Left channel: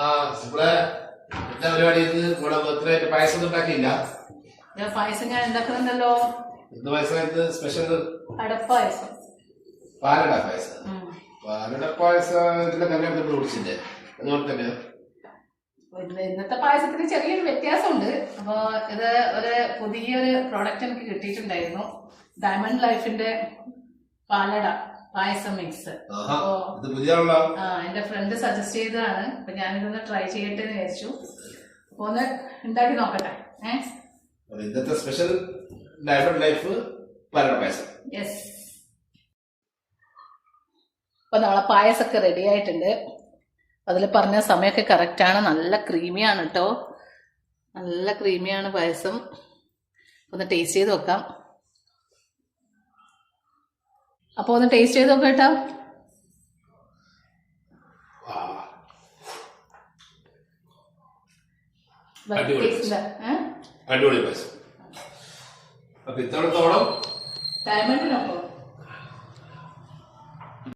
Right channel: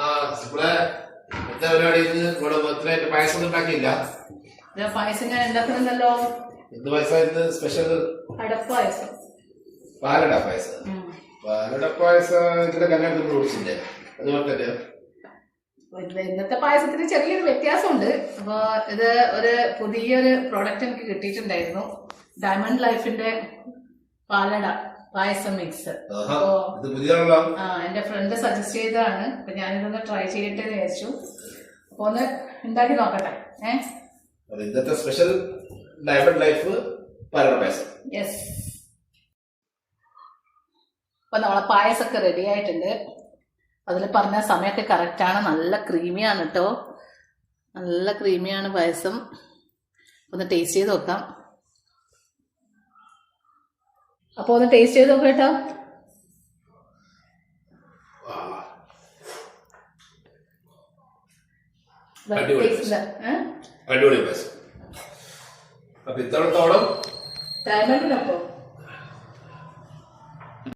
ആ ഇവിടെ എന്താ പരിപാടി ഇത് ഇവിടെ ബർത്ത്ഡേ ആയിട്ട് പായസം ഉണ്ടാക്കിയില്ല. ഞാൻ പായസം ഞാൻ ഉണ്ടാക്കുന്നുണ്ടല്ലോ. എന്ത് പായസം? ഇത് സ്പെഷ്യൽ അടപ്പായസം. പാലട പായസം. പാലട പായസം ഇതിന്റെ കല്യാണത്തിൽ കുടിച്ചില്ലേ അതുപോലെ തന്നെ. ഇത് ഇന്നത്തെ പായസത്തിന് ചെറിയൊരു വ്യത്യാസമുണ്ട്. അപ്പോൾ ഇത് ഒരു പുതിയൊരു പ്രോഡക്റ്റ് എനിക്ക് കിട്ടിയിട്ടുണ്ടായിരുന്നു. ഡയമണ്ട് ലൈഫിന്റെ പാലട. പായസം മിക്സ് ഇത് പുതിയതാണല്ലോ ആ എന്റെ ഫ്രണ്ട് സജസ്റ്റ് ചെയ്തതാണ്. അപ്പൊ ഞാനിതൊന്ന് ട്രൈ ചെയ്യട്ടെ എന്ന് വിചാരിച്ചു. അപ്പൊ ഒന്ന് ഉണ്ടാക്കി നോക്കട്ടെ. ഏഹ് ഇന്നത്തെ special life life payasam. Yes അപ്പൊ നമ്മളെ പായസമൊക്കെ റെഡി ആയിട്ടുണ്ട്. അതിൽ പറഞ്ഞ സമയമൊക്കെ കറക്റ്റാണ് നല്ല ക്രീമിയാണ് കേട്ടോ നല്ല ക്രീമിയാണ് പായസം. ഒന്ന് ടേസ്റ്റ് ചെയ്ത് നോക്കാം. അപ്പോൾ ഒന്ന് ടേസ്റ്റ് ചെയ്ത് നോക്കട്ടോ? അടിപൊളി പായസം അപ്പൊ ഇത്തവണത്തോളം ഡയമണ്ടിനൊപ്പം